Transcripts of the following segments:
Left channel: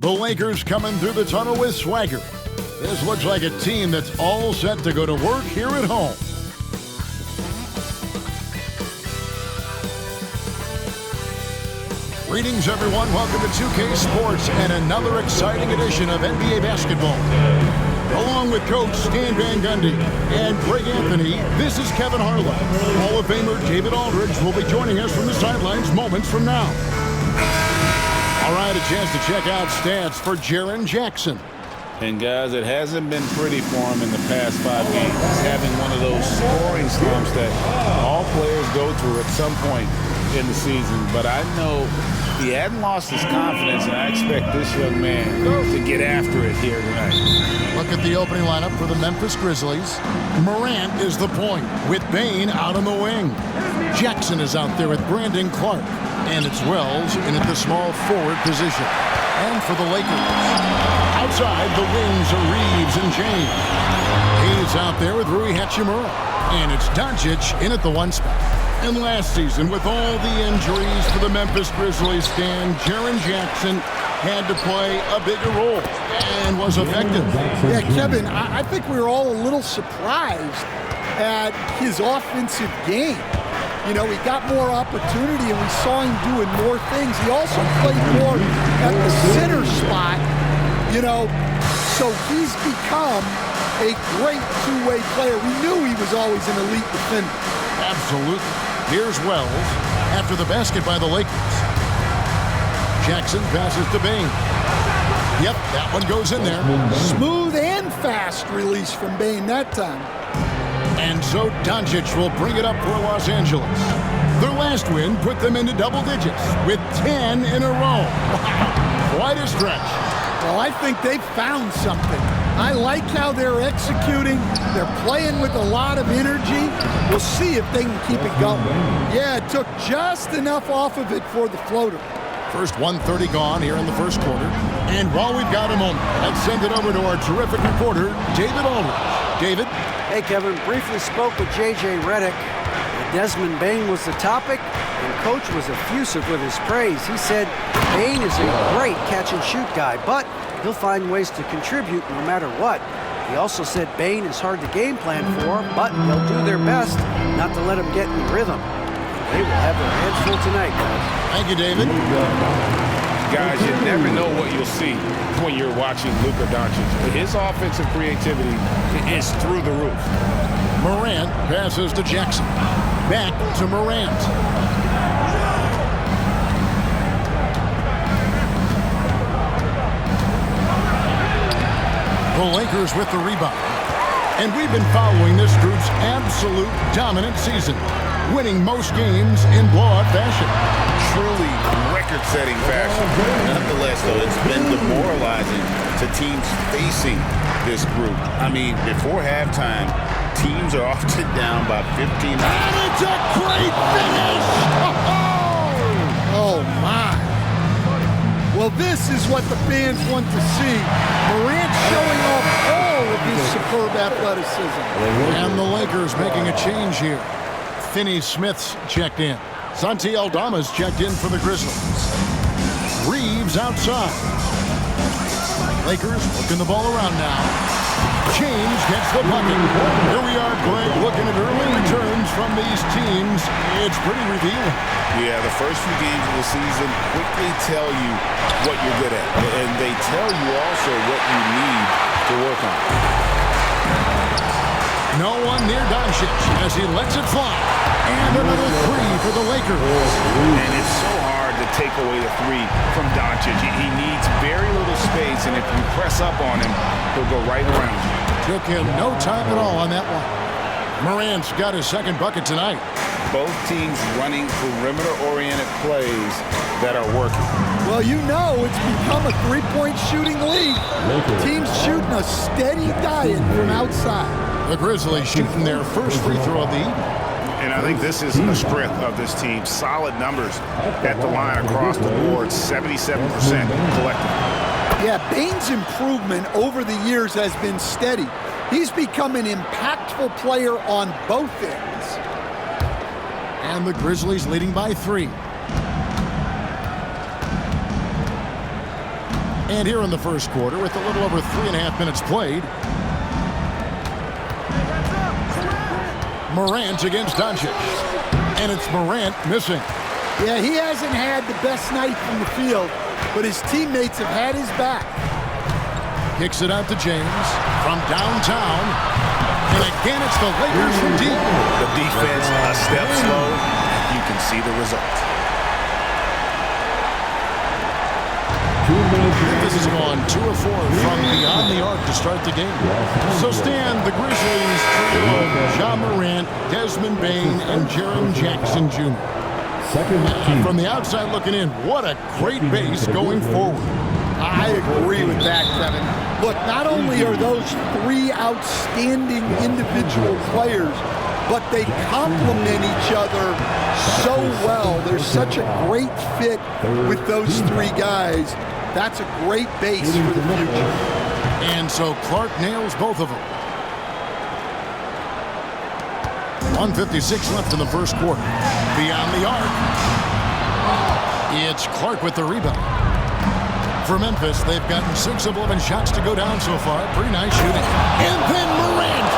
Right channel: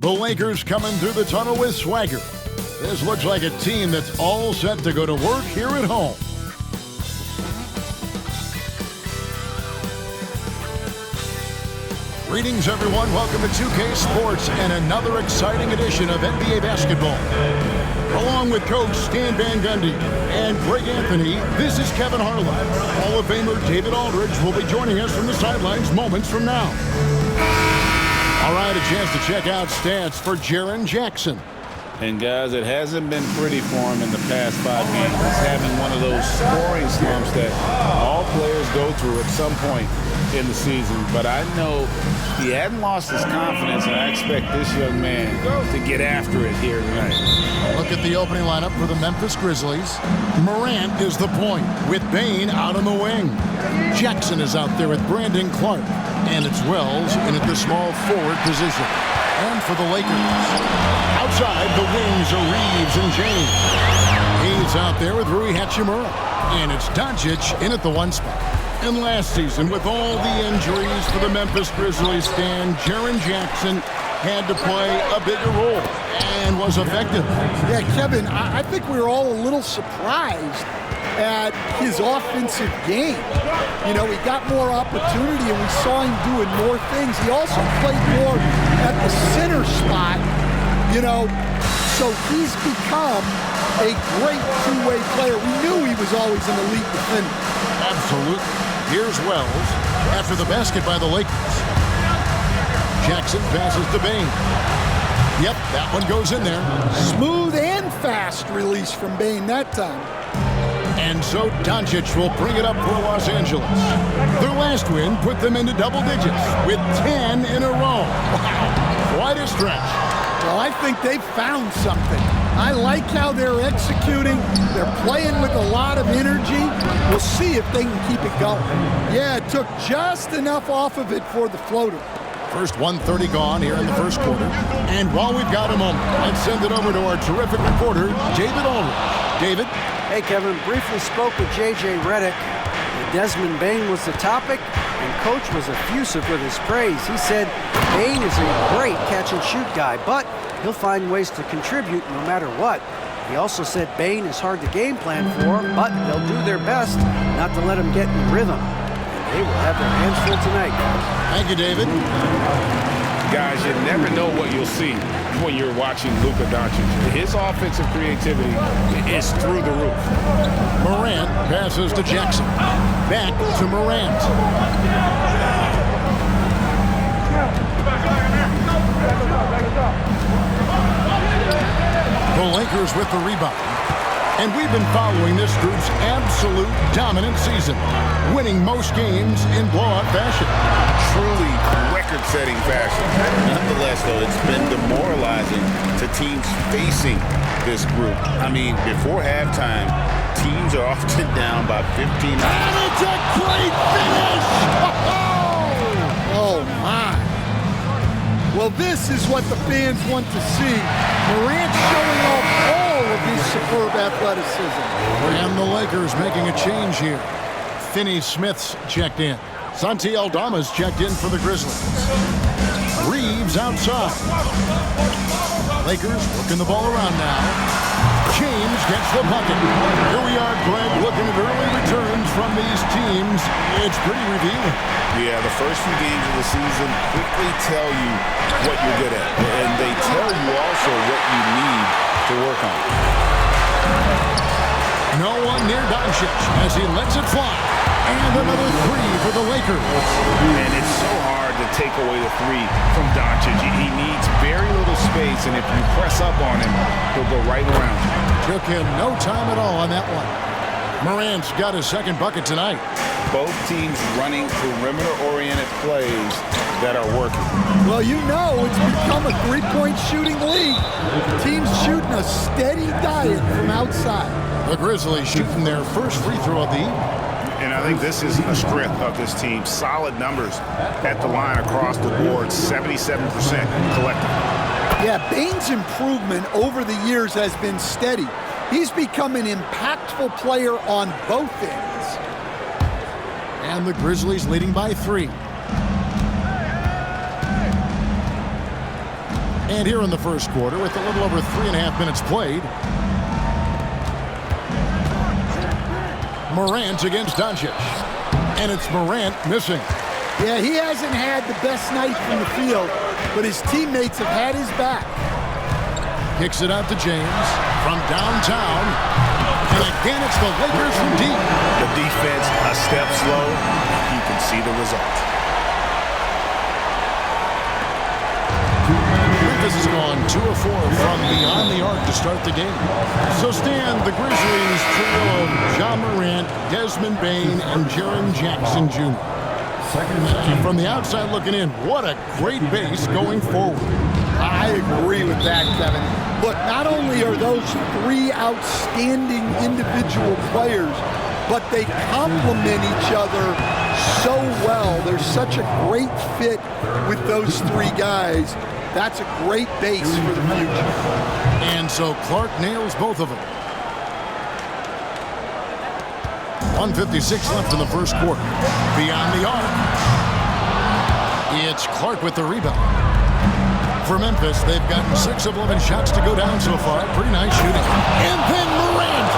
The Lakers coming through the tunnel with swagger. This looks like a team that's all set to go to work here at home. Greetings, everyone. Welcome to 2K Sports and another exciting edition of NBA basketball. Along with Coach Stan Van Gundy and Greg Anthony, this is Kevin Harlan. Hall of Famer David Aldridge will be joining us from the sidelines moments from now. All right, a chance to check out stats for Jaren Jackson. And guys, it hasn't been pretty for him in the past 5 games. He's having one of those scoring slumps that all players go through at some point in the season. But I know he hadn't lost his confidence, and I expect this young man to get after it here tonight. Look at the opening lineup for the Memphis Grizzlies. Morant is the point, with Bane out on the wing. Jackson is out there with Brandon Clark. And it's Wells in at the small forward position. And for the Lakers, outside the wings are Reeves and James. He's out there with Rui Hachimura. And it's Doncic in at the 1 spot. And last season, with all the injuries for the Memphis Grizzlies, Jaren Jackson had to play a bigger role and was effective. Yeah, Kevin, I think we were all a little surprised at his offensive game. You know, he got more opportunity and we saw him doing more things. He also played more at the center spot, you know, so he's become a great two-way player. We knew he was always an elite defender. Absolutely. Here's Wells after the basket by the Lakers. Jackson passes to Bane. Yep, that one goes in there. Smooth and fast release from Bane that time. And so Doncic will bring it up for Los Angeles. Their last win put them into double digits with 10 in a row. Wow, quite a stretch. Well, I think they've found something. I like how they're executing. They're playing with a lot of energy. We'll see if they can keep it going. Yeah, it took just enough off of it for the floater. First 1:30 gone here in the first quarter. And while we've got a moment, let's send it over to our terrific reporter, David Aldridge. David? Hey, Kevin, briefly spoke with J.J. Redick. Desmond Bane was the topic, and Coach was effusive with his praise. He said Bane is a great catch-and-shoot guy, but he'll find ways to contribute no matter what. He also said Bane is hard to game plan for, but they'll do their best not to let him get in rhythm. And they will have their hands full tonight, guys. Thank you, David. Guys, you never know what you'll see when you're watching Luka Doncic. His offensive creativity is through the roof. Morant passes to Jackson. Back to Morant. The Lakers with the rebound. And we've been following this group's absolute dominant season, winning most games in blowout fashion. Truly record-setting fashion. Nonetheless, though, it's been demoralizing to teams facing this group. I mean, before halftime, teams are often down by 15. And it's a great finish! Oh, my. Well, this is what the fans want to see. Morant showing off all of his superb athleticism. And the Lakers making a change here. Finney Smith's checked in. Santi Aldama's checked in for the Grizzlies. Reeves outside. Lakers working the ball around now. James gets the bucket. Here we are, Greg, looking at early returns from these teams. It's pretty revealing. Yeah, the first few games of the season quickly tell you what you're good at. And they tell you also what you need to work on. No one near Doncic as he lets it fly. And another three for the Lakers. And it's so hard to take away the three from Doncic. He needs very little space, and if you press up on him, he'll go right around you. Took him no time at all on that one. Morant's got his second bucket tonight. Both teams running perimeter-oriented plays that are working. Well, you know it's become a three-point shooting league. Teams shooting a steady diet from outside. The Grizzlies shooting their first free throw of the evening. And I think this is a strength of this team. Solid numbers at the line across the board, 77% collectively. Yeah, Bane's improvement over the years has been steady. He's become an impactful player on both ends. And the Grizzlies leading by 3. And here in the first quarter, with a little over 3.5 minutes played, Morant against Doncic. And it's Morant missing. Yeah, he hasn't had the best night from the field, but his teammates have had his back. Kicks it out to James from downtown. And again, it's the Lakers from deep. The defense a step slow, and you can see the result. Memphis has gone 2 of 4 from beyond the arc to start the game. So Stan, the Grizzlies trio of Ja Morant, Desmond Bane, and Jaren Jackson Jr. From the outside looking in, what a great base going forward. I agree with that, Kevin. Look, not only are those 3 outstanding individual players, but they complement each other so well. There's such a great fit with those 3 guys. That's a great base for the future. And so Clark nails both of them. 1:56 left in the first quarter. Beyond the arc, it's Clark with the rebound. For Memphis, they've gotten 6 of 11 shots to go down so far. Pretty nice shooting. And then Morant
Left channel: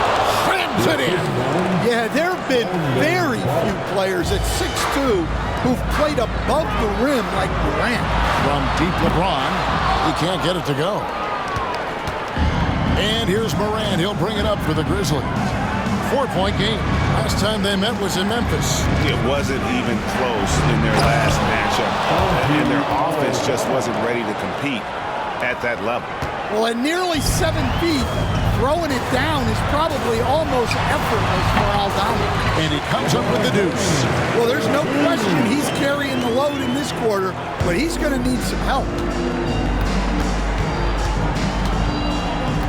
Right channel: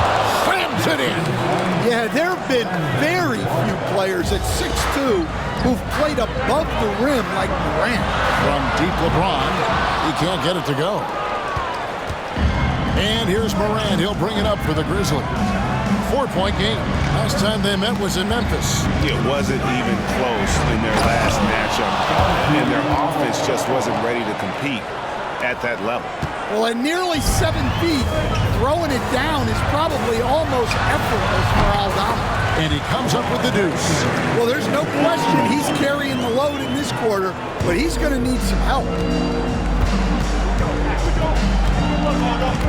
slams it in. Yeah, there have been very few players at 6'2" who've played above the rim like Morant. From deep LeBron, he can't get it to go. And here's Morant. He'll bring it up for the Grizzlies. 4-point game. Last time they met was in Memphis. It wasn't even close in their last matchup, and their offense just wasn't ready to compete at that level. Well, at nearly 7 feet, throwing it down is probably almost effortless for Aldama. And he comes up with the deuce. Well, there's no question he's carrying the load in this quarter, but he's going to need some help.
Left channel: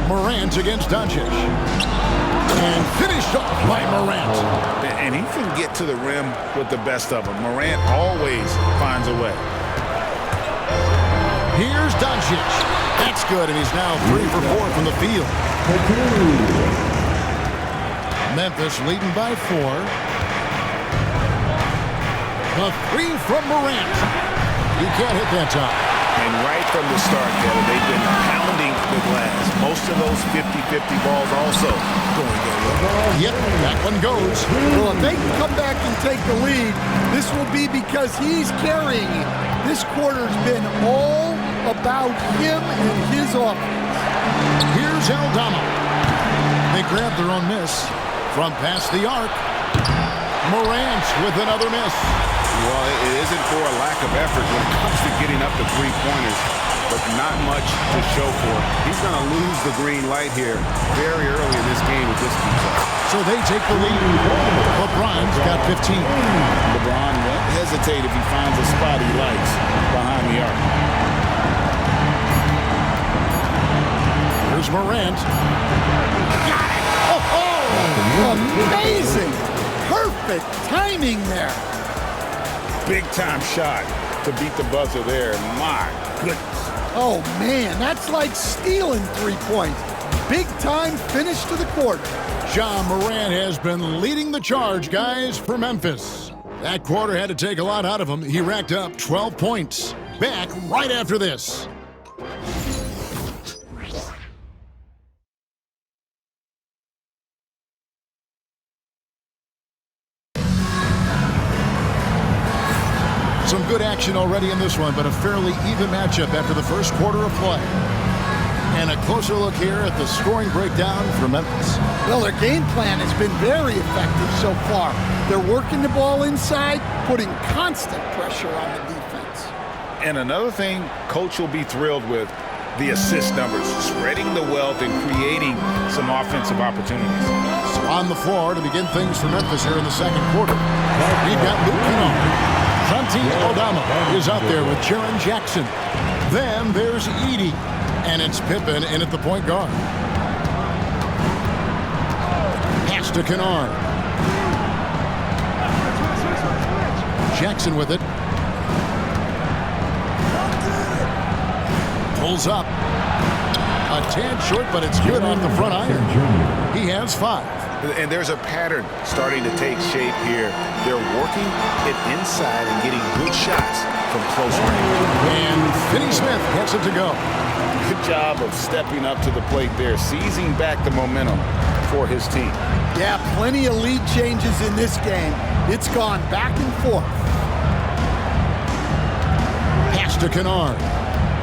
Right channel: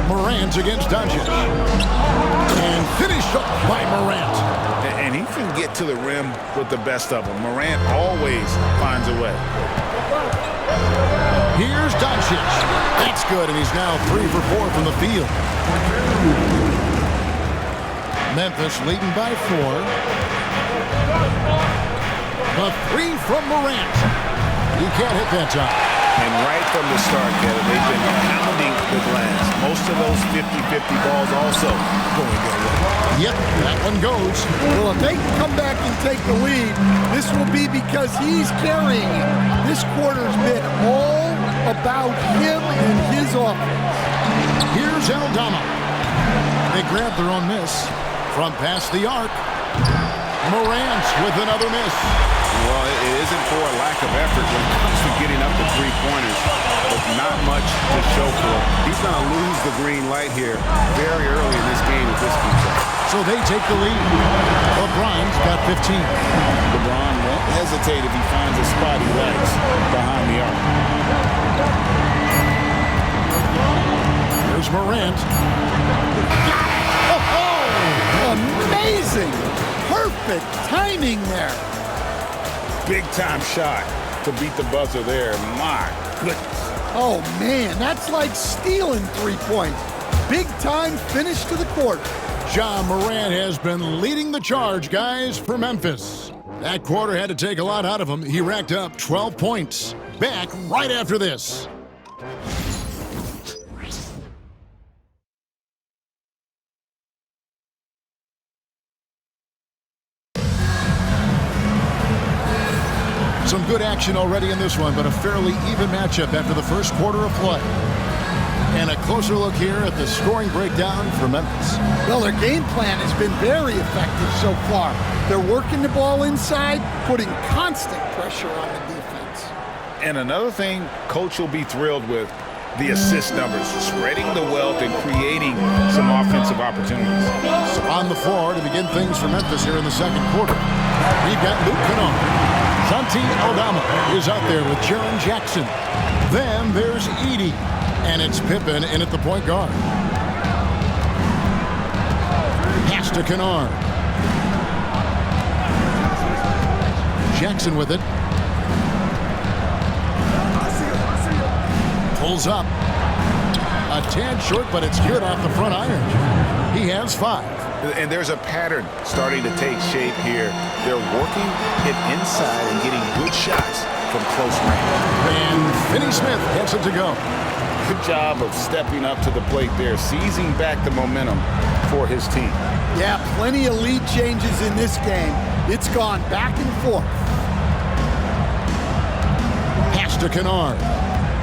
Morant against Doncic. And finished off by Morant. And he can get to the rim with the best of them. Morant always finds a way. Here's Doncic. That's good, and he's now 3 for 4 from the field. Memphis leading by 4. The 3 from Morant. He can't hit that time. And right from the start, Kevin, they've been pounding the glass. Most of those 50-50 balls also going their way. Yep, that one goes. Well, if they can come back and take the lead, this will be because he's carrying it. This quarter's been all about him and his offense. Here's Aldama. They grab their own miss from past the arc. Morant with another miss. Well, it isn't for a lack of effort when it comes to getting up the three-pointers, but not much to show for it. He's going to lose the green light here very early in this game if this keeps up. So they take the lead. LeBron's got 15. LeBron won't hesitate if he finds a spot he likes behind the arc. Here's Morant. Got it! Oh! Amazing! Perfect timing there. Big-time shot to beat the buzzer there. My goodness. Oh, man, that's like stealing 3 points. Big-time finish to the quarter. Ja Morant has been leading the charge, guys, for Memphis. That quarter had to take a lot out of him. He racked up 12 points. Back right after this. Some good action already in this one, but a fairly even matchup after the first quarter of play. And a closer look here at the scoring breakdown for Memphis. Well, their game plan has been very effective so far. They're working the ball inside, putting constant pressure on the defense. And another thing Coach will be thrilled with, the assist numbers, spreading the wealth and creating some offensive opportunities. So on the floor to begin things for Memphis here in the second quarter, we've got Luke Kennard. Santi Aldama is out there with Jaren Jackson. Then there's Edey, and it's Pippen in at the point guard. Pass to Kennard. Jackson with it. Pulls up. A tad short, but it's good off the front iron. He has 5. And there's a pattern starting to take shape here. They're working it inside and getting good shots from close range. And Finney Smith gets it to go. good job of stepping up to the plate there, seizing back the momentum for his team. Yeah, plenty of lead changes in this game. It's gone back and forth. Pass to Kennard.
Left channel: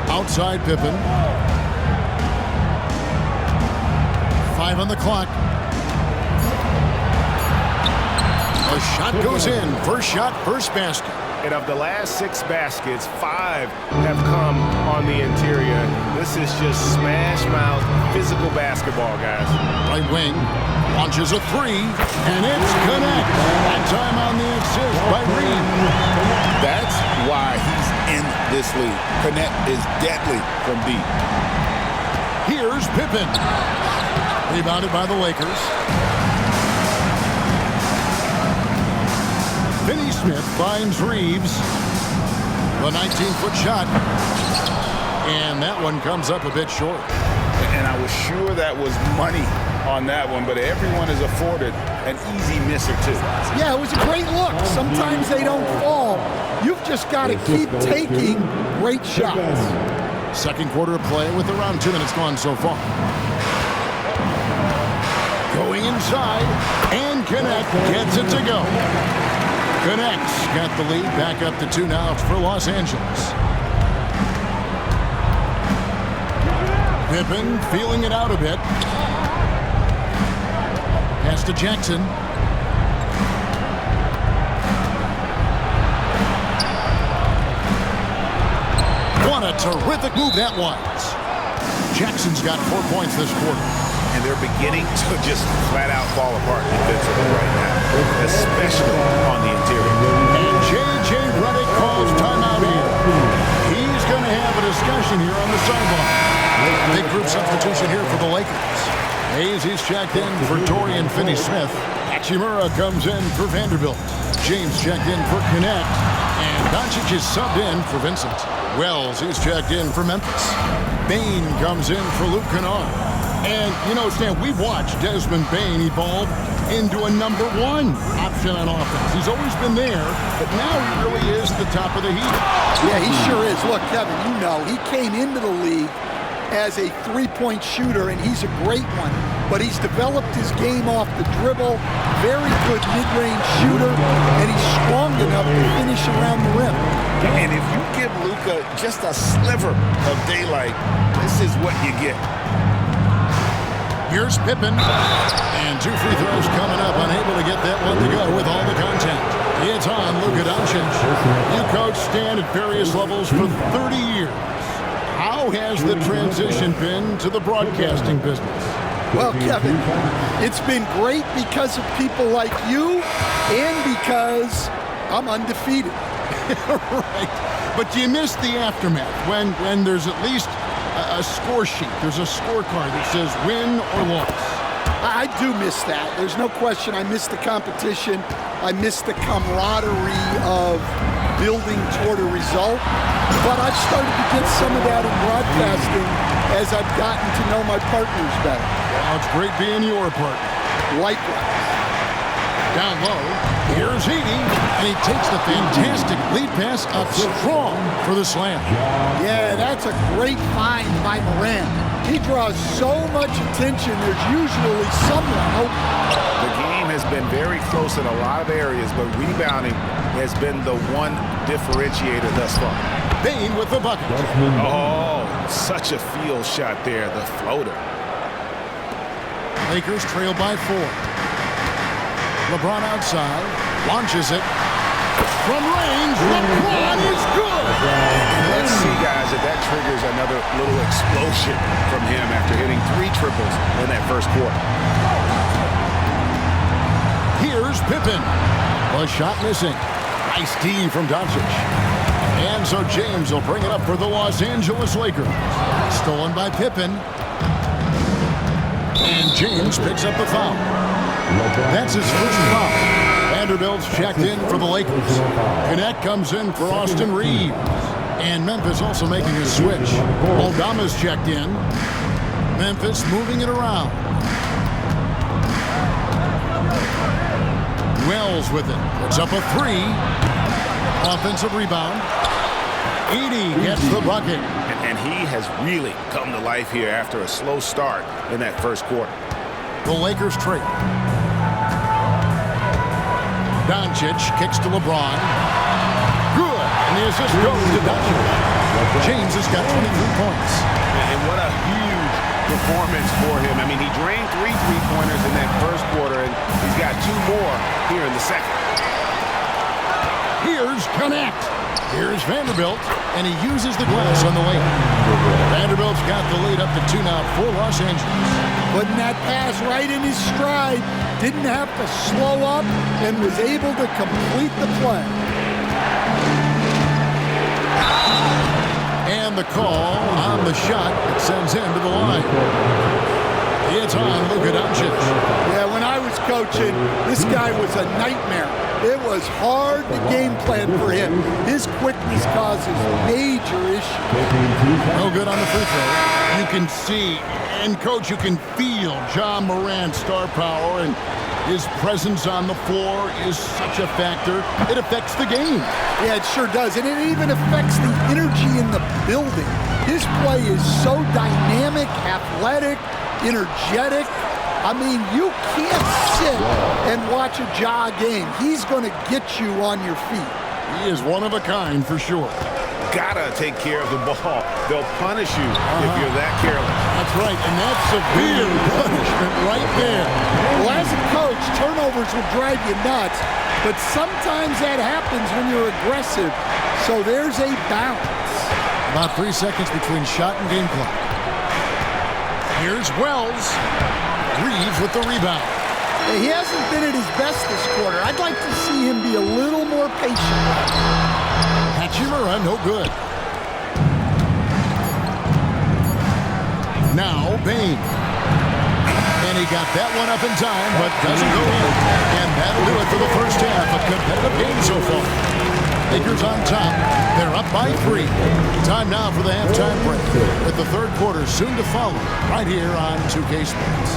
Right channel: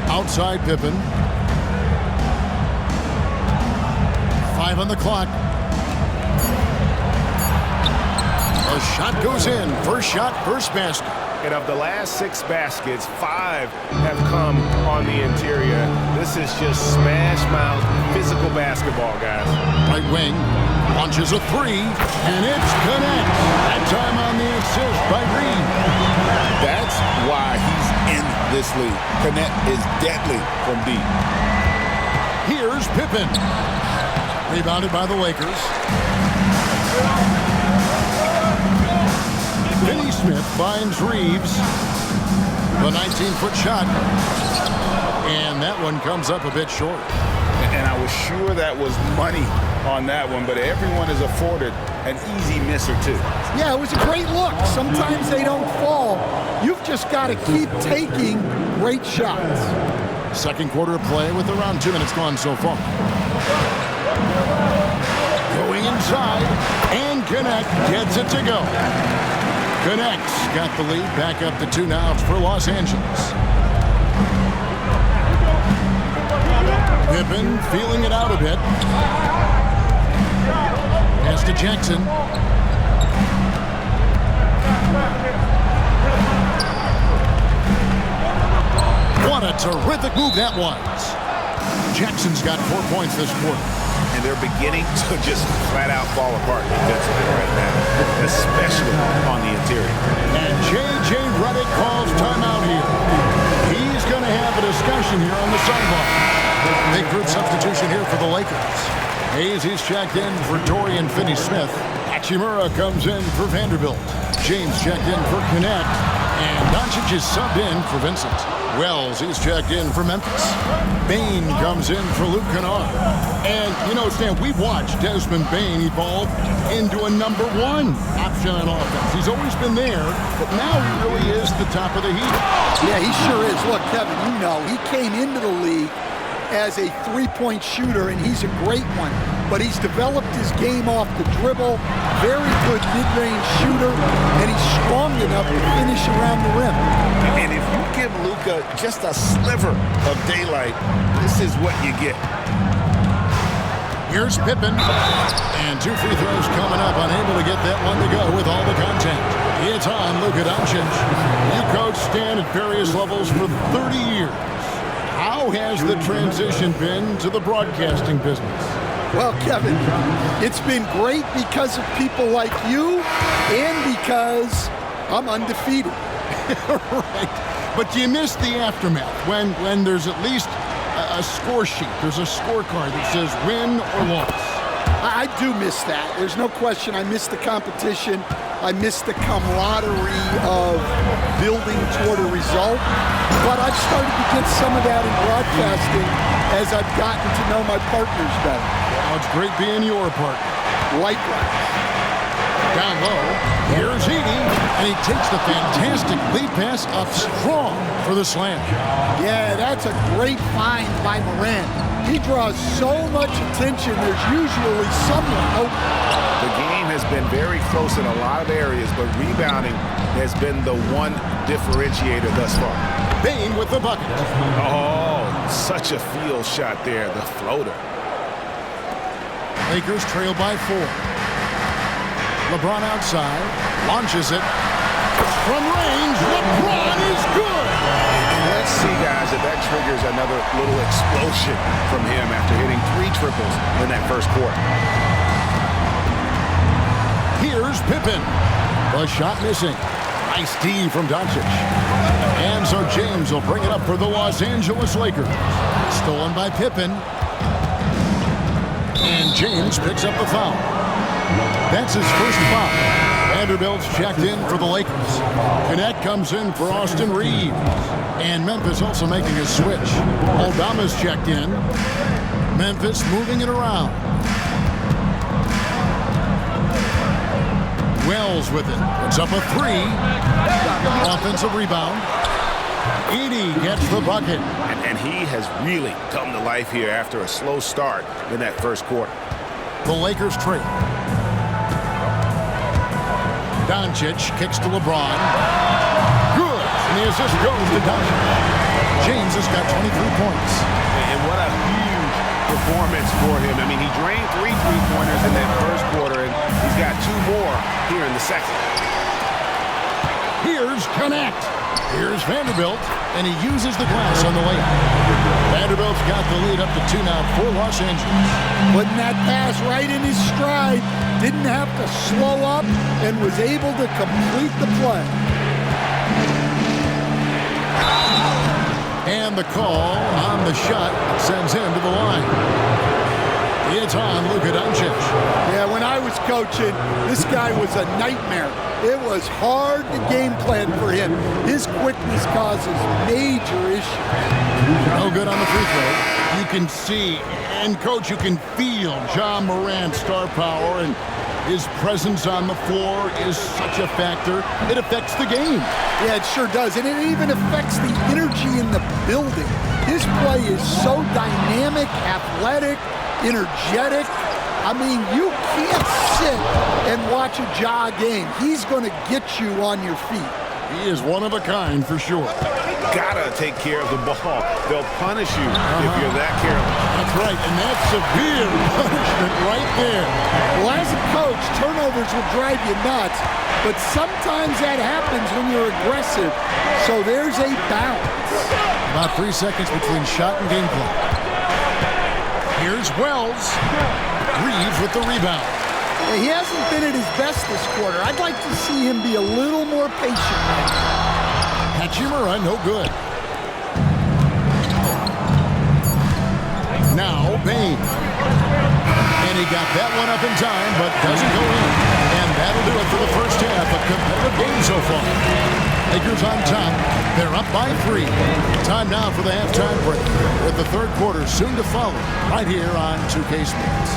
Outside Pippen. 5 on the clock. A shot goes in. First shot, first basket. And of the last 6 baskets, 5 have come on the interior. This is just smash mouth physical basketball, guys. Right wing launches a 3, and it's connect. That time on the assist by Reed. That's why he's in this league. Connect is deadly from deep. Here's Pippen. Rebounded by the Lakers. Finney Smith finds Reeves. The 19-foot shot. And that one comes up a bit short. And I was sure that was money on that one, but everyone is afforded an easy miss or two. Yeah, it was a great look. Sometimes they don't fall. You've just got to keep taking great shots. Second quarter of play with around 2 minutes gone so far. Going inside, and Connect gets it to go. Connect's got the lead back up to 2 now for Los Angeles. Pippen feeling it out a bit. Pass to Jackson. What a terrific move that was. Jackson's got 4 points this quarter. And they're beginning to just flat out fall apart defensively right now, especially on the interior. And J.J. Redick calls timeout here. He's going to have a discussion here on the sideline. Big group substitution here for the Lakers. Hayes, he's checked in for Dorian Finney-Smith. Hachimura comes in for Vanderbilt. James checked in for Connect. And Doncic is subbed in for Vincent. Wells, he's checked in for Memphis. Bane comes in for Luke Kennard. And, you know, Stan, we've watched Desmond Bane evolve into a number 1 option on offense. He's always been there, but now he really is at the top of the heap. Yeah, he sure is. Look, Kevin, you know, he came into the league as a 3-point shooter, and he's a great one. But he's developed his game off the dribble, very good mid-range shooter, and he's strong enough to finish around the rim. And if you give Luka just a sliver of daylight, this is what you get. Here's Pippen. And 2 free throws coming up, unable to get that one to go with all the contact. It's on Luka Doncic. You coach Stan at various levels for 30 years. How has the transition been to the broadcasting business? Well, Kevin, it's been great because of people like you and because I'm undefeated. Right. But you miss the aftermath when there's at least a score sheet. There's a scorecard that says win or loss. I do miss that. There's no question. I miss the competition. I miss the camaraderie of building toward a result. But I've started to get some of that in broadcasting as I've gotten to know my partners better. Well, it's great being your partner. Likewise. Down low, here's Edey, and he takes the fantastic lead pass up strong for the slam. Yeah, that's a great find by Morant. He draws so much attention, there's usually someone open. The game has been very close in a lot of areas, but rebounding has been the one differentiator thus far. Bane with the bucket. Oh, such a field shot there, the floater. Lakers trail by 4. LeBron outside, launches it. From range, LeBron is good! And let's see, guys, if that triggers another little explosion from him after hitting 3 triples in that first quarter. Here's Pippen. The shot missing. Nice D from Doncic. And so James will bring it up for the Los Angeles Lakers. Stolen by Pippen. And James picks up the foul. That's his first foul. Vanderbilt's checked in for the Lakers. Connect comes in for Austin Reeves. And Memphis also making a switch. Aldama's checked in. Memphis moving it around. Wells with it. Puts up a 3. Offensive rebound. Edey gets the bucket. And and he has really come to life here after a slow start in that first quarter. The Lakers trail. Doncic kicks to LeBron. Good. And the assist goes to Doncic. James has got 23 points. And what a huge performance for him. I mean, he drained 3 3-pointers in that first quarter, and he's got 2 more here in the second. Here's Connect. Here's Vanderbilt, and he uses the glass on the layup. Vanderbilt's got the lead up to 2 now for Los Angeles. Putting that pass right in his stride. Didn't have to slow up and was able to complete the play. And the call on the shot that sends him to the line. It's on Luka Doncic. Yeah, when I was coaching, this guy was a nightmare. It was hard to game plan for him. His quickness causes major issues. No good on the free throw. You can see, and coach, you can feel Ja Morant's star power, and his presence on the floor is such a factor. It affects the game. Yeah, it sure does, and it even affects the energy in the building. His play is so dynamic, athletic, energetic. I mean, you can't sit and watch a Ja game. He's going to get you on your feet. He is one of a kind for sure. Gotta take care of the ball. They'll punish you if you're that careless. That's right, and that's severe punishment right there. Well, as a coach, turnovers will drive you nuts, but sometimes that happens when you're aggressive. So there's a balance. About 3 seconds between shot and game clock. Here's Wells. Reeves with the rebound. Yeah, he hasn't been at his best this quarter. I'd like to see him be a little more patient right now. Hachimura, no good. Now, Bane. And he got that one up in time, but doesn't go in. And that'll do it for the first half. A competitive game so far. Lakers on top. They're up by 3. Time now for the halftime break, with the third quarter soon to follow, right here on 2K Sports.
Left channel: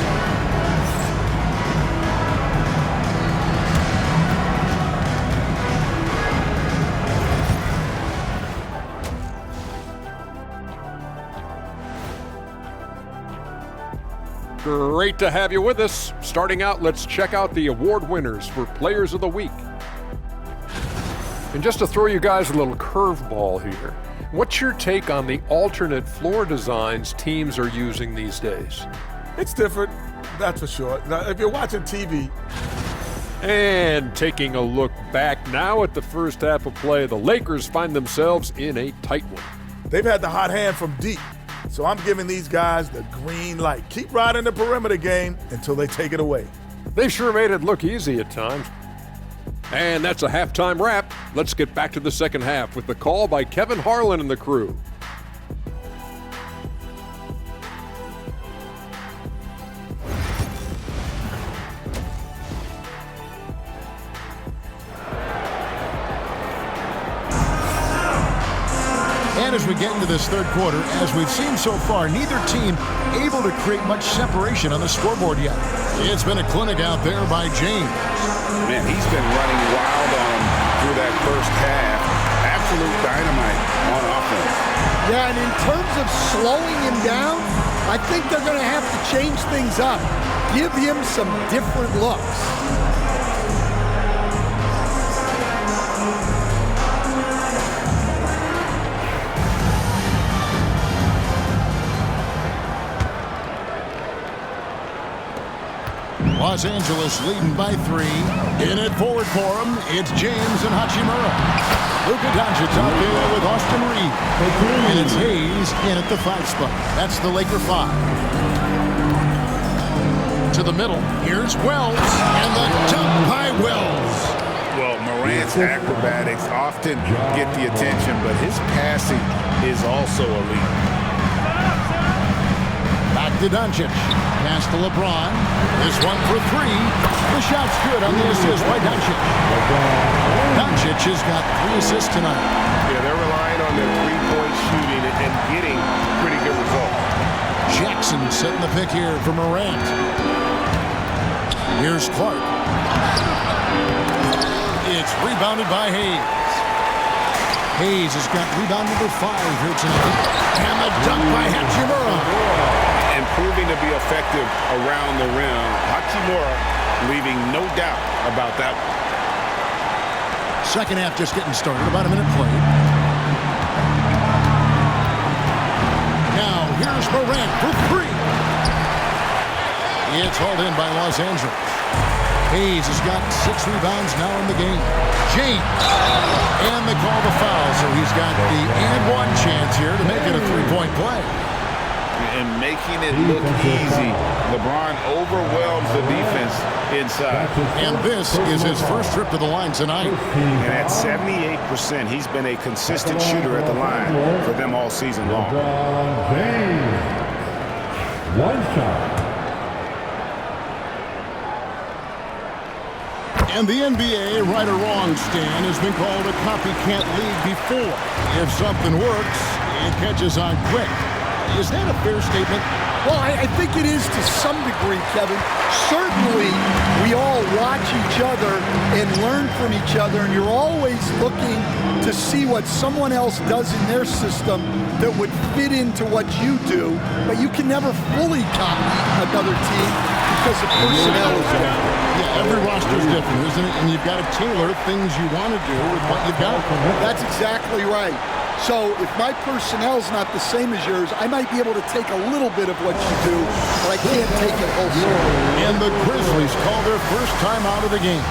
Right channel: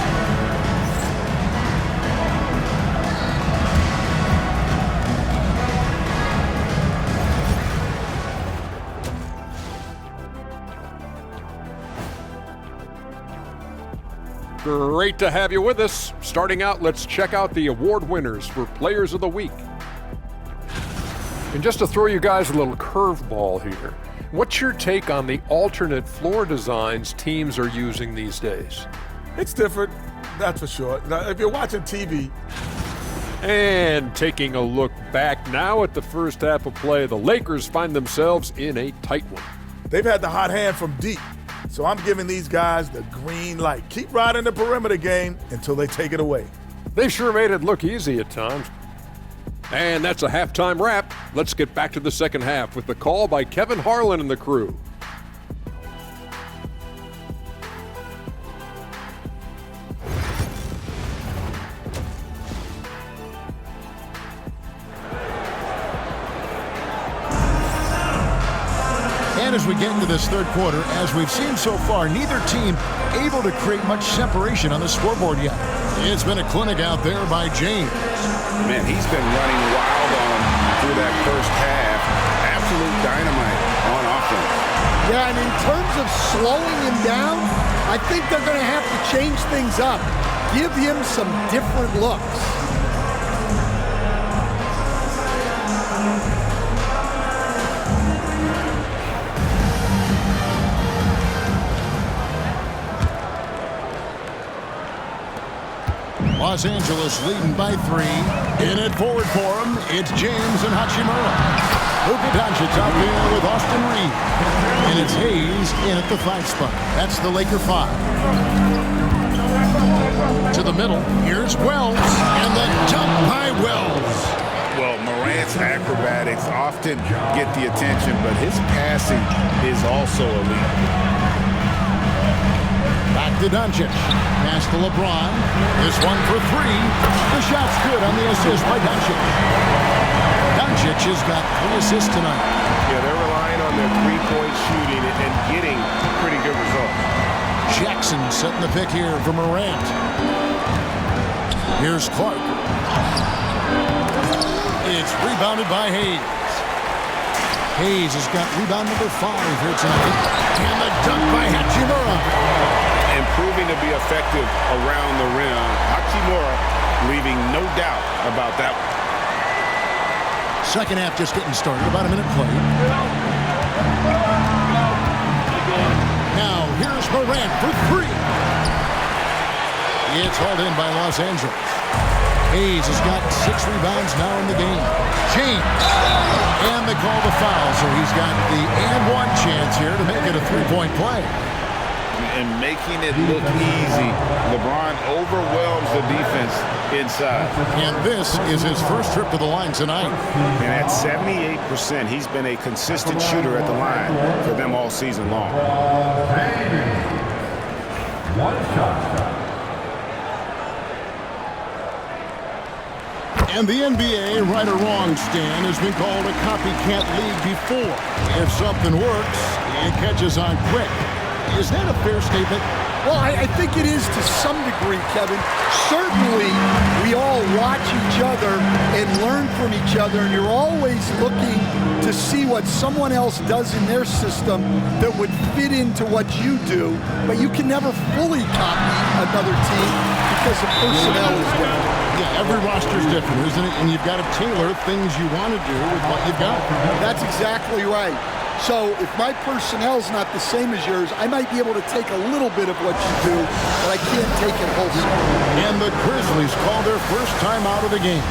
Great to have you with us. Starting out, let's check out the award winners for Players of the Week. And just to throw you guys a little curveball here, what's your take on the alternate floor designs teams are using these days? It's different, that's for sure. Now, if you're watching TV. And taking a look back now at the first half of play, the Lakers find themselves in a tight one. They've had the hot hand from deep. So I'm giving these guys the green light. Keep riding the perimeter game until they take it away. They sure made it look easy at times. And that's a halftime wrap. Let's get back to the second half with the call by Kevin Harlan and the crew. And as we get into this third quarter, as we've seen so far, neither team able to create much separation on the scoreboard yet. It's been a clinic out there by James. Man, he's been running wild on him through that first half. Absolute dynamite on offense. Yeah, and in terms of slowing him down, I think they're going to have to change things up. Give him some different looks. Los Angeles leading by 3. In it forward for him, it's James and Hachimura. Luka Doncic out there with Austin Reeves. And it's Hayes in at the 5 spot. That's the Laker 5. To the middle, here's Wells. And the dunk by Wells. Well, Morant's acrobatics often get the attention, but his passing is also elite. Back to Doncic. Pass to LeBron. This one for 3. The shot's good on the assist by Doncic. Doncic has got 3 assists tonight. Yeah, they're relying on their three-point shooting and getting pretty good results. Jackson setting the pick here for Morant. Here's Clark. It's rebounded by Hayes. Hayes has got rebound number 5 here tonight. And the dunk by Hachimura. And proving to be effective around the rim. Hachimura leaving no doubt about that one. Second half just getting started. About a minute played. Now here's Morant for 3. It's hauled in by Los Angeles. Hayes has got 6 rebounds now in the game. James. And they call the foul, so he's got the and one chance here to make it a 3-point play. And making it look easy. LeBron overwhelms the defense inside. And this is his first trip to the line tonight. And at 78%, he's been a consistent shooter at the line for them all season long. One shot. And the NBA, right or wrong, Stan, has been called a copycat league before. If something works, it catches on quick. Is that a fair statement? Well, I think it is to some degree, Kevin. Certainly, we all watch each other and learn from each other, and you're always looking to see what someone else does in their system that would fit into what you do, but you can never fully copy another team because the personnel is different. Yeah, every roster is different, isn't it? And you've got to tailor things you want to do with what you've got. That's exactly right. So if my personnel's not the same as yours, I might be able to take a little bit of what you do, but I can't take it wholesale. And the Grizzlies call their first time out of the game.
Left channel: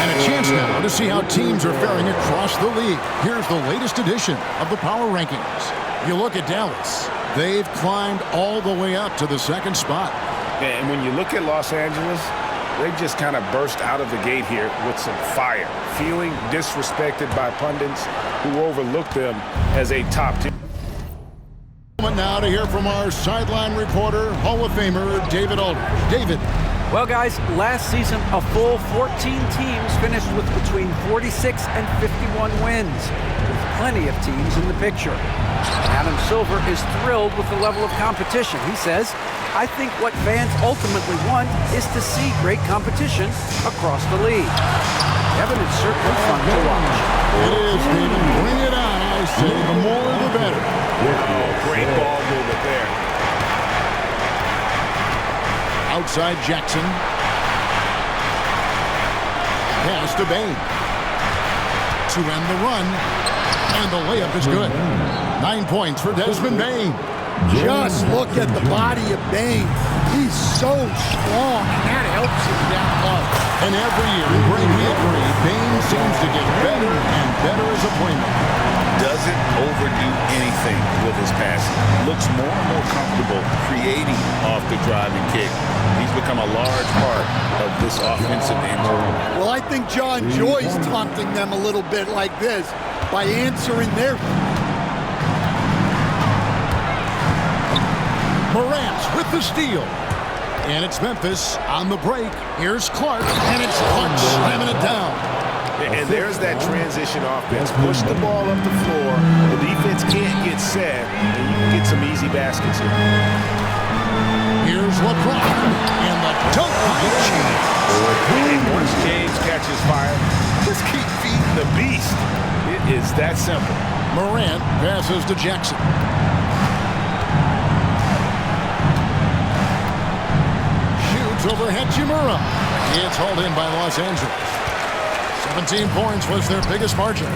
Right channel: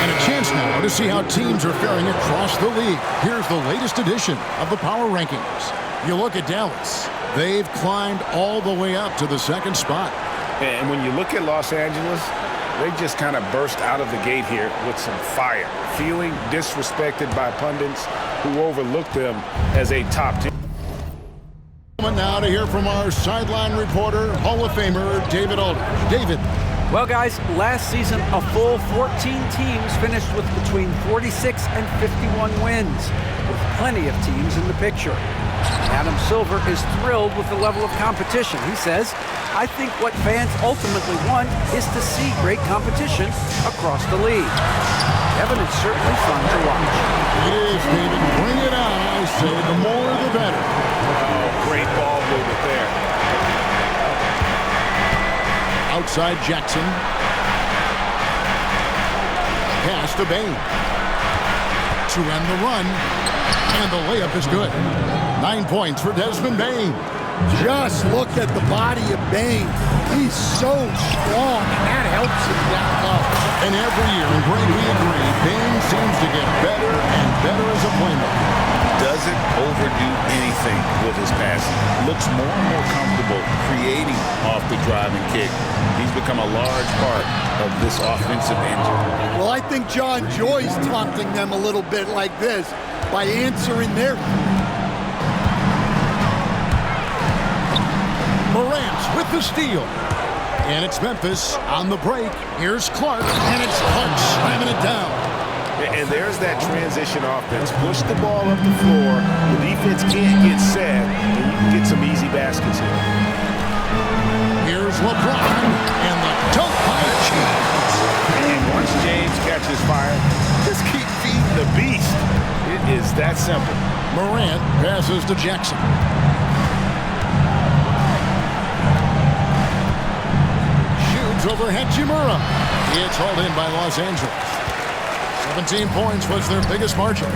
And a chance now to see how teams are faring across the league. Here's the latest edition of the Power Rankings. You look at Dallas. They've climbed all the way up to the 2nd spot. And when you look at Los Angeles, they just kind of burst out of the gate here with some fire, feeling disrespected by pundits who overlooked them as a top team. Now to hear from our sideline reporter, Hall of Famer David Aldridge. David. Well, guys, last season, a full 14 teams finished with between 46 and 51 wins, with plenty of teams in the picture. And Adam Silver is thrilled with the level of competition. He says, I think what fans ultimately want is to see great competition across the league. Kevin, it's certainly fun to watch. It is, David. Bring it on, I say. The more, the better. Oh, great ball movement there. Outside Jackson. Pass to Bane. To end the run. And the layup is good. 9 points for Desmond Bane. Just look at the body of Bane. He's so strong, and that helps him down low. And every year, and Greg, we agree, Bane seems to get better and better as a playmaker. Doesn't overdo anything with his passing. Looks more and more comfortable creating off the driving kick. He's become a large part of this offensive engine. Well, I think John Joy's taunting them a little bit like this by answering their three. Morant with the steal. And it's Memphis on the break. Here's Clark, and it's Clark slamming it down. And there's that transition offense. Push the ball up the floor. The defense can't get set, and you can get some easy baskets here. Here's LeBron, and the dunk by James. And once James catches fire, just keep feeding the beast. It is that simple. Morant passes to Jackson. James over Hachimura. It's hauled in by Los Angeles. 17 points was their biggest margin.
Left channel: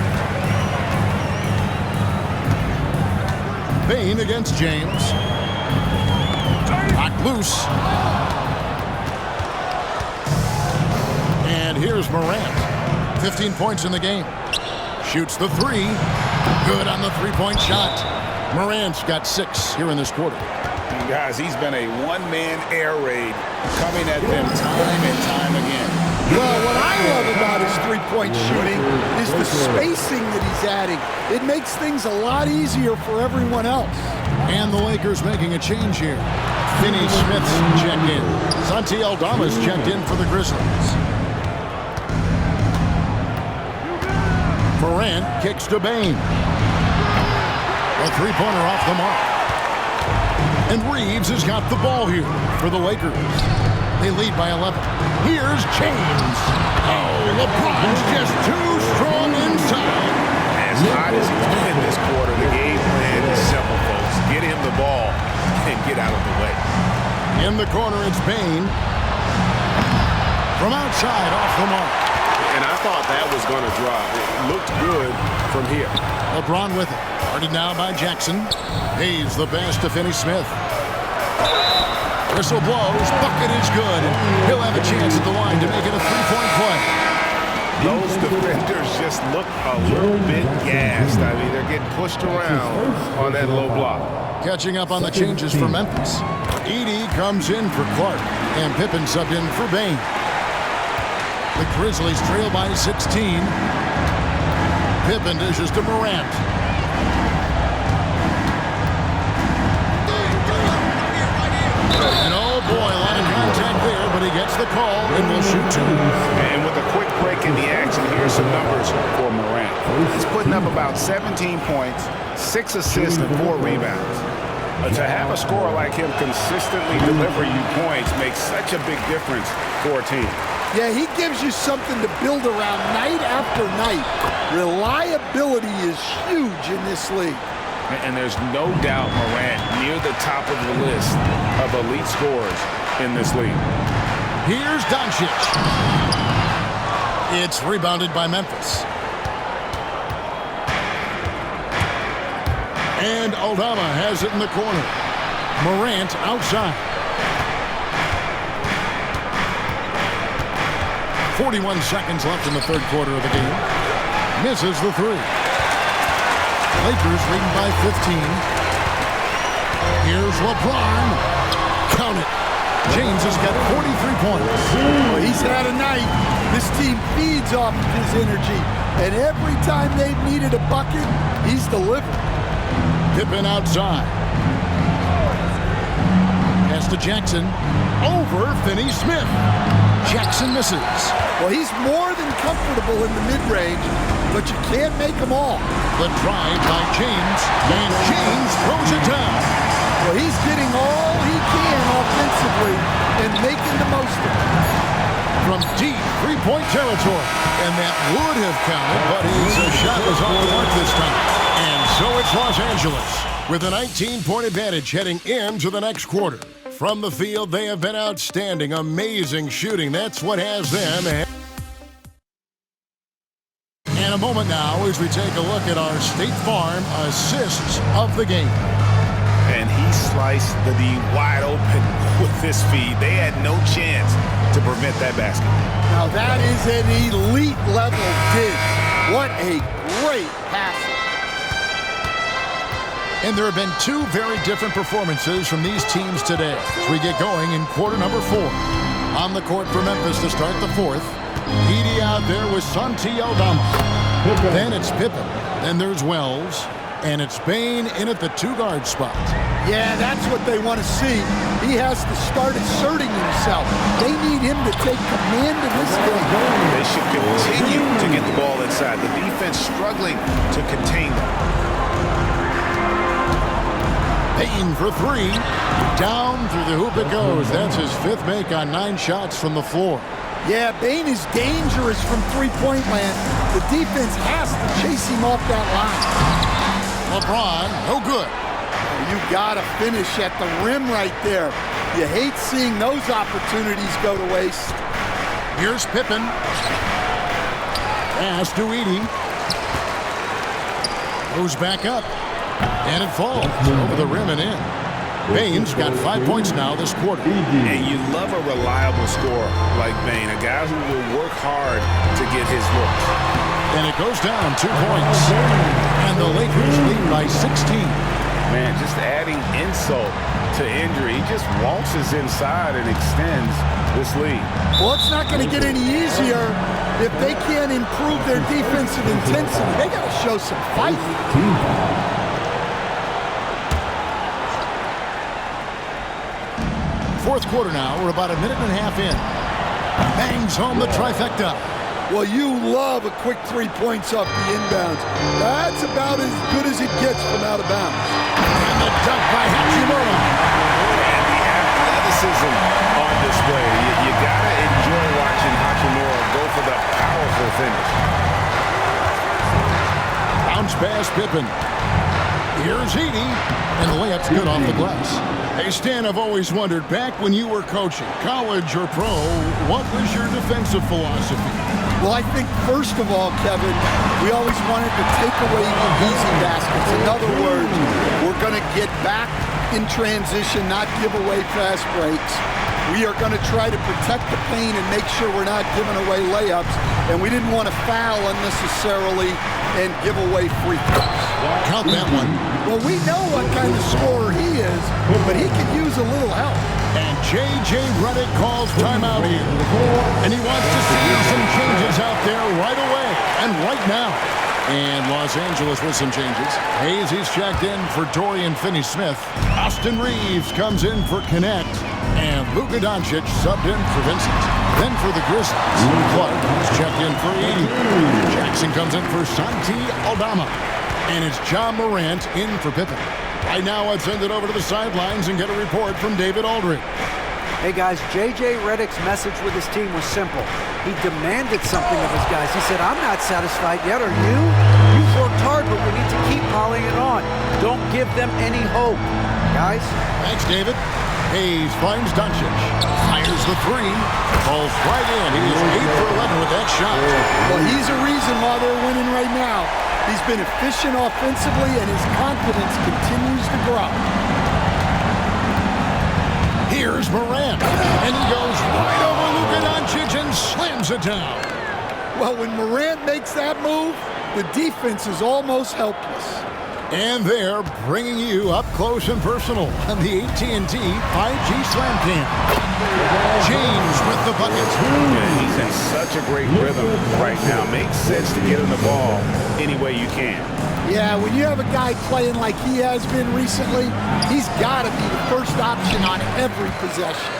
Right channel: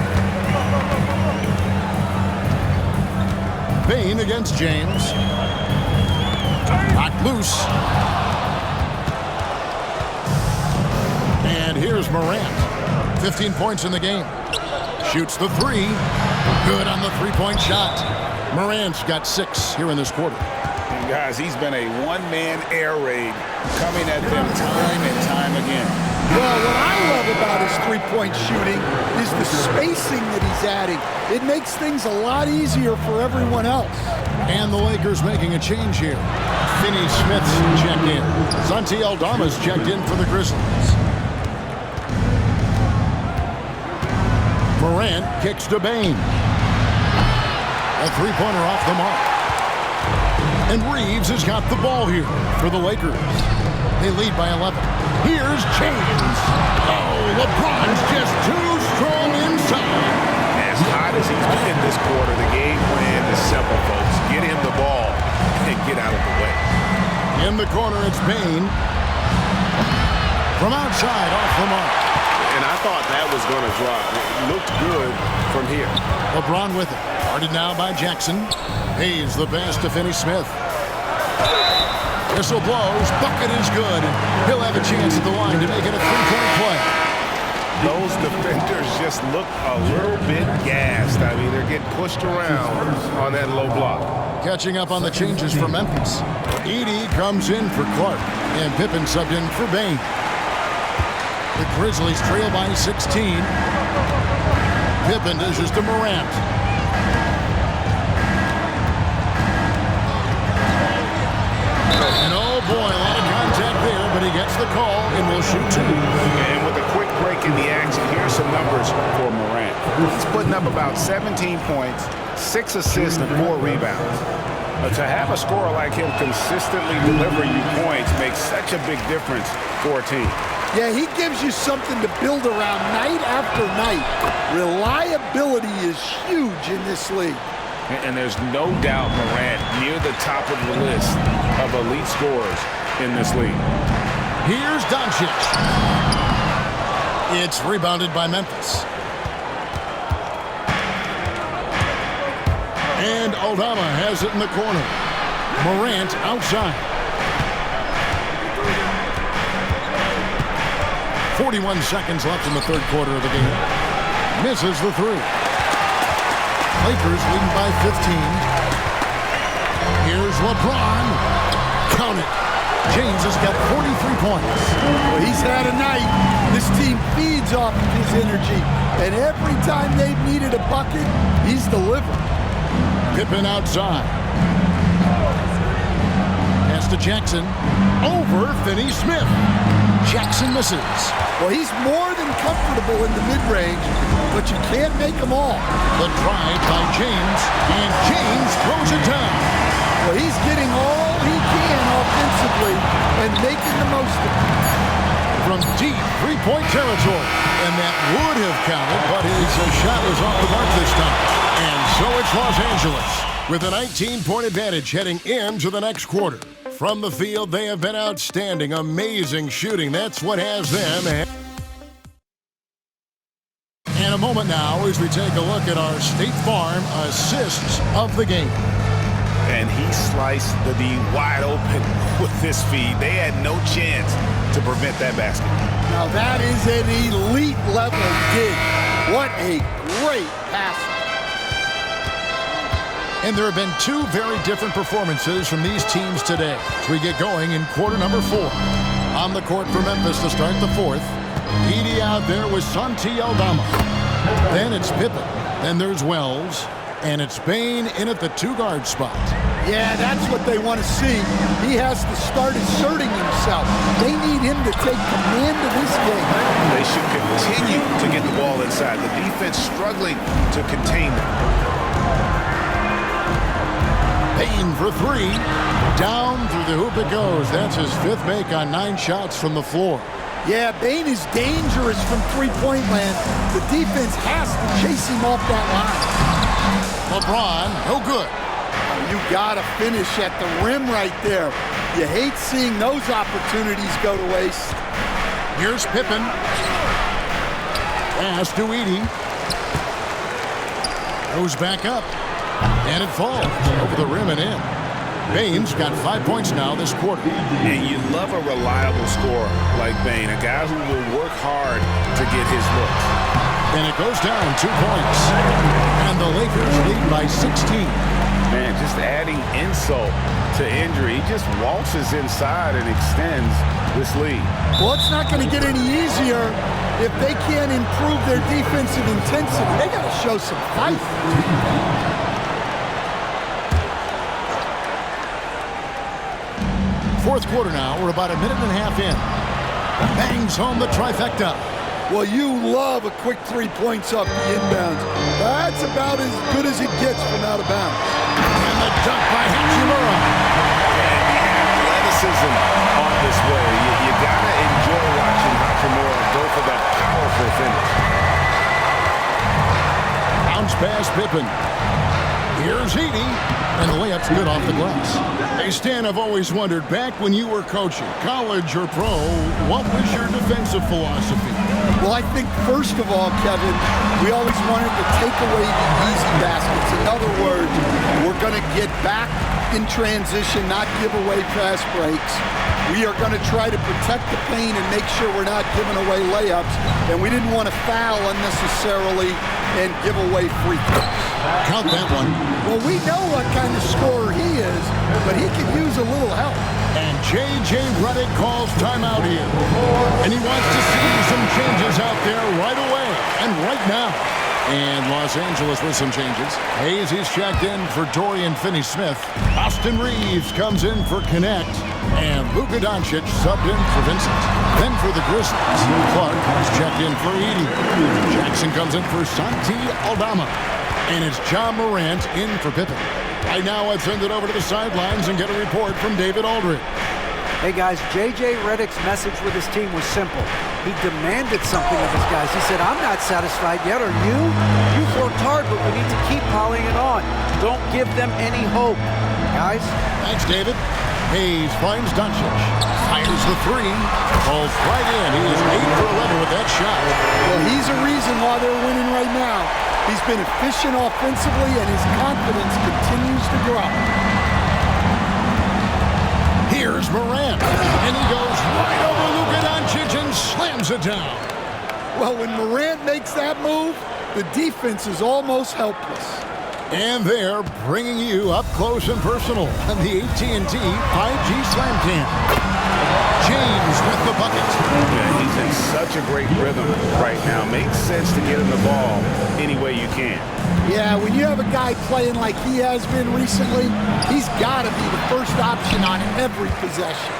Bain against James. Knocked loose. And here's Morant. 15 points in the game. Shoots the three. Good on the three-point shot. Morant's got 6 here in this quarter. And guys, he's been a one-man air raid coming at them time and time again. Well, what I love about his three-point shooting is the spacing that he's adding. It makes things a lot easier for everyone else. And the Lakers making a change here. Finney Smith's checked in. Santi Aldama's checked in for the Grizzlies. Morant kicks to Bain. A three-pointer off the mark. And Reeves has got the ball here for the Lakers. They lead by 11. Here's James. Oh, LeBron's just too strong inside. As hot as he's been this quarter, the game plan is simple, folks. Get him the ball and get out of the way. In the corner, it's Bain. From outside, off the mark. And I thought that was going to drop. It looked good from here. LeBron with it. Guarded now by Jackson. Hayes the pass to Finney Smith. Whistle blows. Bucket is good. And he'll have a chance at the line to make it a three-point play. Those defenders just look a little bit gassed. I mean, they're getting pushed around on that low block. Catching up on the changes for Memphis. Edey comes in for Clark. And Pippen subbed in for Bain. The Grizzlies trail by 16. Pippen dishes to Morant. And oh boy, a lot of contact there, but he gets the call and will shoot 2. And with a quick break in the action, here's some numbers for Morant. He's putting up about 17 points, 6 assists, and 4 rebounds. To have a scorer like him consistently deliver you points makes such a big difference for a team. Yeah, he gives you something to build around night after night. Reliability is huge in this league. And there's no doubt Morant near the top of the list of elite scorers in this league. Here's Doncic. It's rebounded by Memphis. And Aldama has it in the corner. Morant outside. 41 seconds left in the third quarter of the game. Misses the three. Lakers leading by 15. Here's LeBron. Count it. James has got 43 points. Well, he's had a night. This team feeds off of his energy. And every time they've needed a bucket, he's delivered. Pippen outside. Pass to Jackson. Over Finney Smith. Jackson misses. Well, he's more than comfortable in the mid-range, but you can't make them all. The drive by James, and James throws it down. Well, he's getting all he can offensively and making the most of it. From deep three-point territory. And that would have counted, but his shot was off the mark this time. And so it's Los Angeles with a 19-point advantage heading into the next quarter. From the field, they have been outstanding, amazing shooting. That's what has them. And a moment now as we take a look at our State Farm assists of the game. And he sliced the D wide open with this feed. They had no chance to prevent that basket. Now that is an elite level dig. What a great passer. And there have been 2 very different performances from these teams today as we get going in quarter number 4. On the court for Memphis to start the 4th. Edey out there with Santi Aldama. Then it's Pippen. Then there's Wells. And it's Bain in at the 2-guard spot. Yeah, that's what they want to see. He has to start asserting himself. They need him to take command of this game. They should continue to get the ball inside. The defense struggling to contain them. Bain for 3. Down through the hoop it goes. That's his 5th make on 9 shots from the floor. Yeah, Bain is dangerous from three-point land. The defense has to chase him off that line. LeBron, no good. Oh, you got to finish at the rim right there. You hate seeing those opportunities go to waste. Here's Pippen. Pass to Edey. Goes back up. And it falls over the rim and in. Bane's got 5 points now this quarter. And you love a reliable scorer like Bane, a guy who will work hard to get his looks. And it goes down 2 points. And the Lakers lead by 16. Man, just adding insult to injury. He just waltzes inside and extends this lead. Well, it's not going to get any easier if they can't improve their defensive intensity. They got to show some fight. Fourth quarter now. We're about a minute and a half in. Bangs home the trifecta. Well, you love a quick 3 points off the inbounds. That's about as good as it gets from out of bounds. And the dunk by Hachimura. And the athleticism on display. You got to enjoy watching Hachimura go for the powerful finish. Bounce pass Pippen. Here's Edey. And the layup's good off the glass. Hey, Stan, I've always wondered, back when you were coaching, college or pro, what was your defensive philosophy? Well, I think, first of all, Kevin, we always wanted to take away the easy baskets. In other words, we're going to get back in transition, not give away fast breaks. We are going to try to protect the paint and make sure we're not giving away layups. And we didn't want to foul unnecessarily and give away free throws. Count that one. Well, we know what kind of scorer he is, but he could use a little help. And J.J. Redick calls timeout here. And he wants to see some changes out there right away and right now. And Los Angeles with some changes. Hayes, he's checked in for Dorian Finney-Smith. Austin Reeves comes in for Connect. And Luka Doncic subbed in for Vincent. Then for the Grizzlies, Clark is checked in for Edey. Jackson comes in for Santi Aldama. And it's John Morant in for Pippen. Right now, let's send it over to the sidelines and get a report from David Aldridge. Hey guys, J.J. Redick's message with his team was simple. He demanded something of his guys. He said, I'm not satisfied yet, are you? You've worked hard, but we need to keep piling it on. Don't give them any hope. Guys? Thanks, David. Hayes finds Doncic. Fires the three. Falls right in. He is 8 for 11 with that shot. Well, he's a reason why they're winning right now. He's been efficient offensively, and his confidence continues to grow. Here's Morant, and he goes right over Luka Doncic and slams it down. Well, when Morant makes that move, the defense is almost helpless. And they're bringing you up close and personal on the AT&T 5G Slam Cam. James with the bucket. Yeah, he's in such a great rhythm right now. Makes sense to get him the ball any way you can. Yeah, when you have a guy playing like he has been recently, he's got to be the first option on every possession.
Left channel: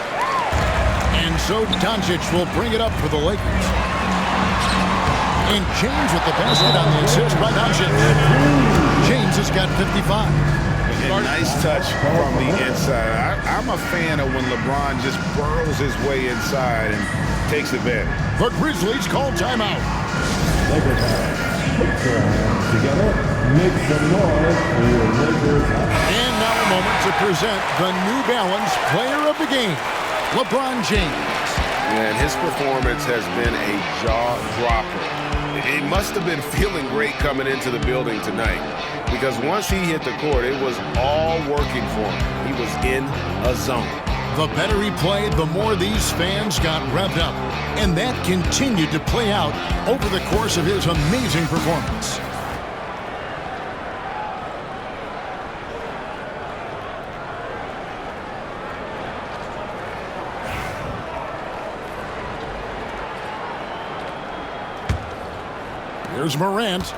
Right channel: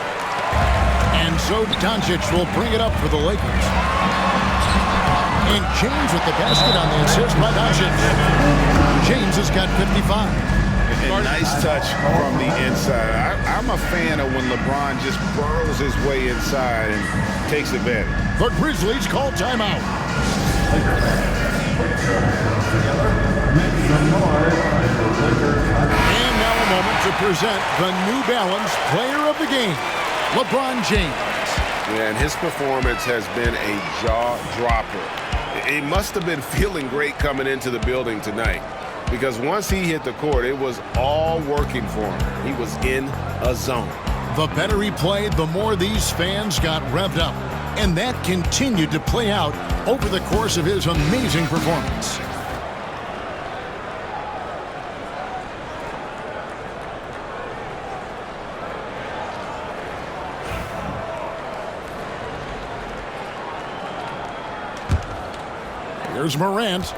And so Doncic will bring it up for the Lakers. And James with the basket on the assist by Doncic. James has got 55. And nice touch from the inside. I'm a fan of when LeBron just burrows his way inside and takes advantage. The Grizzlies call timeout. Lakers fans, put your hands together. Make some noise for your Lakers. And now a moment to present the New Balance Player of the Game, LeBron James. And his performance has been a jaw-dropper. He must have been feeling great coming into the building tonight, because once he hit the court, it was all working for him. He was in a zone. The better he played, the more these fans got revved up. And that continued to play out over the course of his amazing performance. Here's Morant.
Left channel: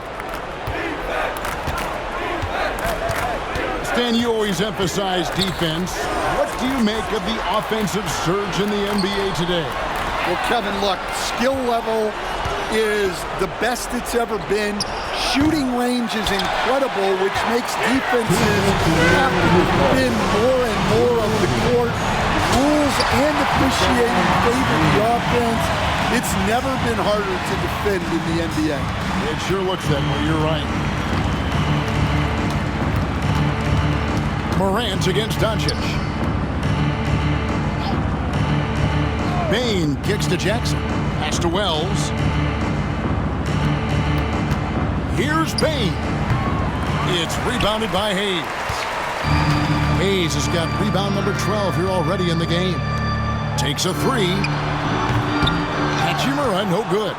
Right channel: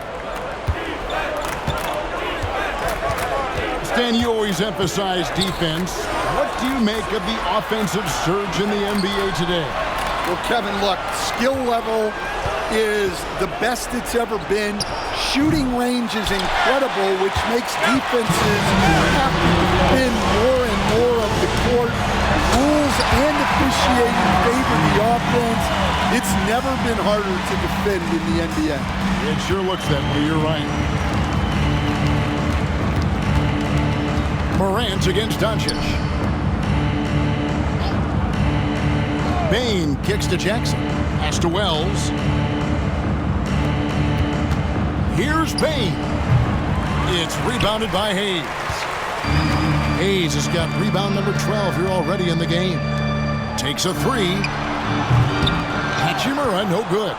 Stan, you always emphasize defense. What do you make of the offensive surge in the NBA today? Well, Kevin, look, skill level is the best it's ever been. Shooting range is incredible, which makes defenses have to defend more and more of the court. Rules and officiating favor the offense. It's never been harder to defend in the NBA. It sure looks that way, you're right. Morant against Doncic. Bane kicks to Jackson. Pass to Wells. Here's Bane. It's rebounded by Hayes. Hayes has got rebound number 12 here already in the game. Takes a three. Hachimura, no good.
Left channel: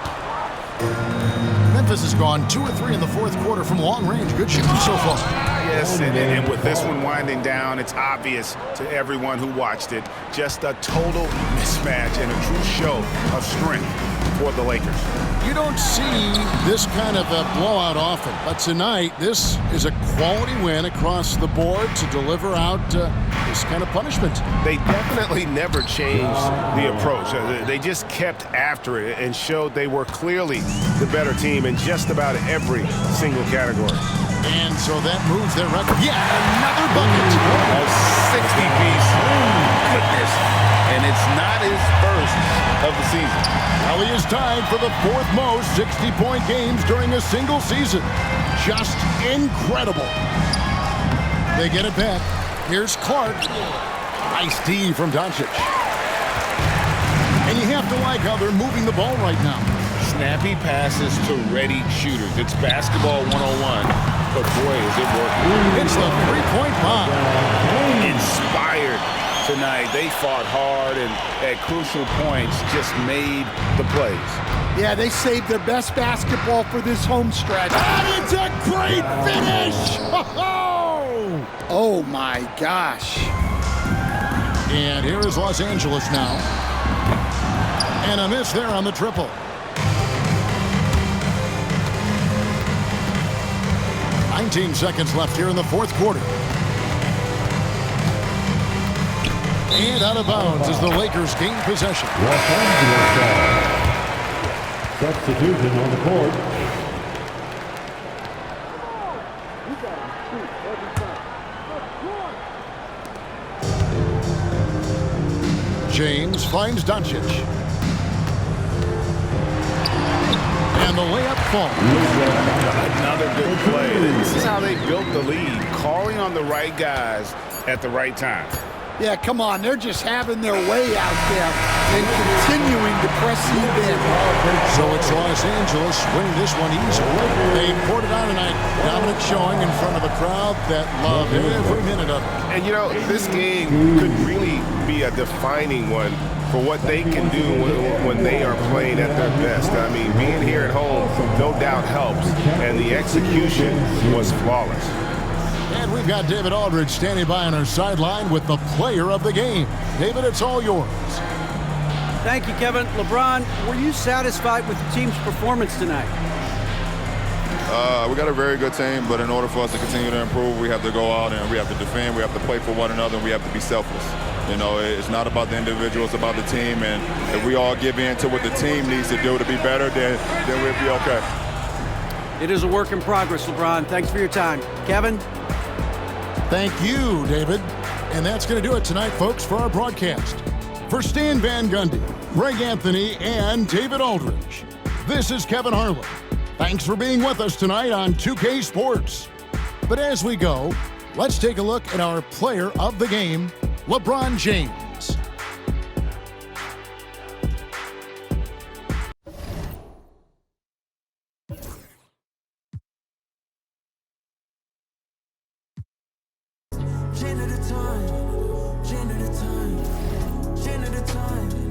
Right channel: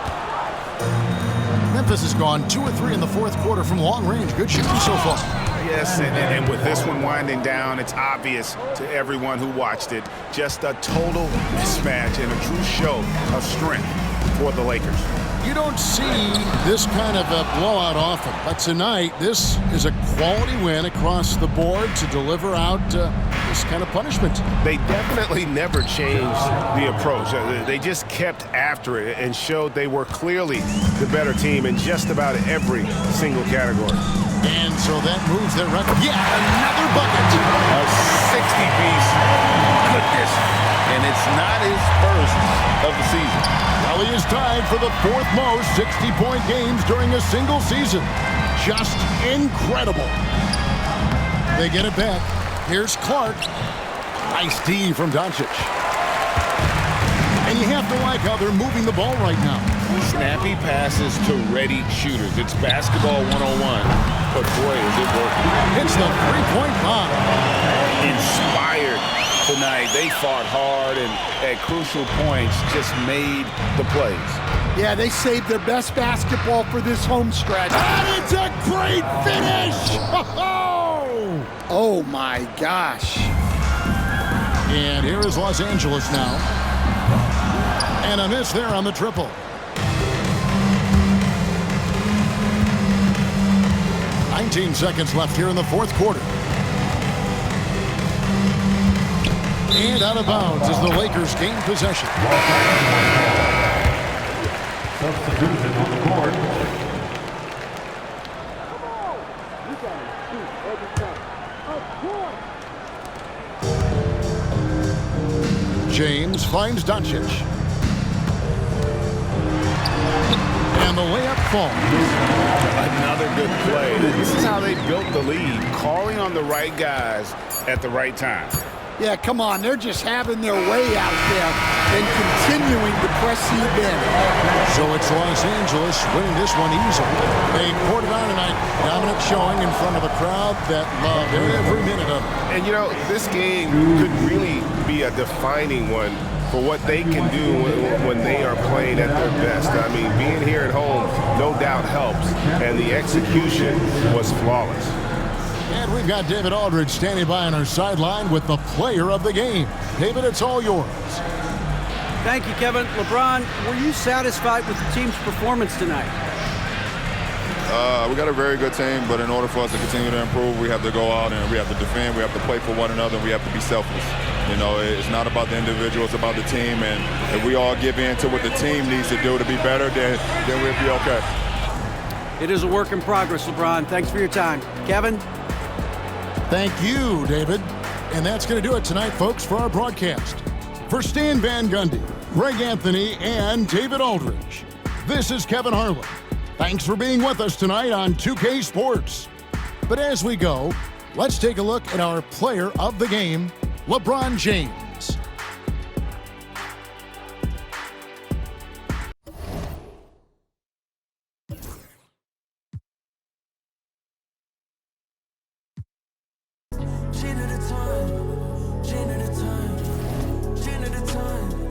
Memphis has gone 2 of 3 in the fourth quarter from long range. Good shooting so far. Yes, and with this one winding down, it's obvious to everyone who watched it. Just a total mismatch and a true show of strength for the Lakers. You don't see this kind of a blowout often, but tonight this is a quality win across the board to deliver out this kind of punishment. They definitely never changed the approach. They just kept after it and showed they were clearly the better team in just about every single category. And so that moves their record. Yet another bucket. A 60-piece. Goodness. And it's not his first of the season. Well, he is tied for the 4th most 60-point games during a single season. Just incredible. They get it back. Here's Clark. Nice D from Doncic. And you have to like how they're moving the ball right now. Snappy passes to ready shooters. It's basketball 101, but boy, is it working. It's the three-point bomb. Inspired tonight. They fought hard and at crucial points just made the plays. Yeah, they saved their best basketball for this home stretch. And it's a great finish! Oh! Oh, my gosh. And here is Los Angeles now. And a miss there on the triple. 19 seconds left here in the fourth quarter. And out of bounds as the Lakers gain possession. Los Angeles ball. Substitution on the court. You gotta shoot every time. Of course. James finds Doncic. And the layup falls. Another good play. This is how they built the lead, calling on the right guys at the right time. Yeah, come on. They're just having their way out there and continuing to press the in. So it's Los Angeles winning this one easily. They poured it on tonight. Dominant showing in front of a crowd that loved every minute of it. And, you know, this game could really be a defining one for what they can do when they are playing at their best. I mean, being here at home no doubt helps, and the execution was flawless. And we've got David Aldridge standing by on our sideline with the player of the game. David, it's all yours. Thank you, Kevin. LeBron, were you satisfied with the team's performance tonight? We got a very good team, but in order for us to continue to improve, we have to go out and we have to defend, we have to play for one another, and we have to be selfless. You know, it's not about the individual, it's about the team, and if we all give in to what the team needs to do to be better, then we'll be okay. It is a work in progress, LeBron. Thanks for your time. Kevin? Thank you, David. And that's going to do it tonight, folks, for our broadcast. For Stan Van Gundy, Greg Anthony, and David Aldridge, this is Kevin Harlan. Thanks for being with us tonight on 2K Sports. But as we go, let's take a look at our player of the game, LeBron James. Chain at a time, chain at a time, chain at a time.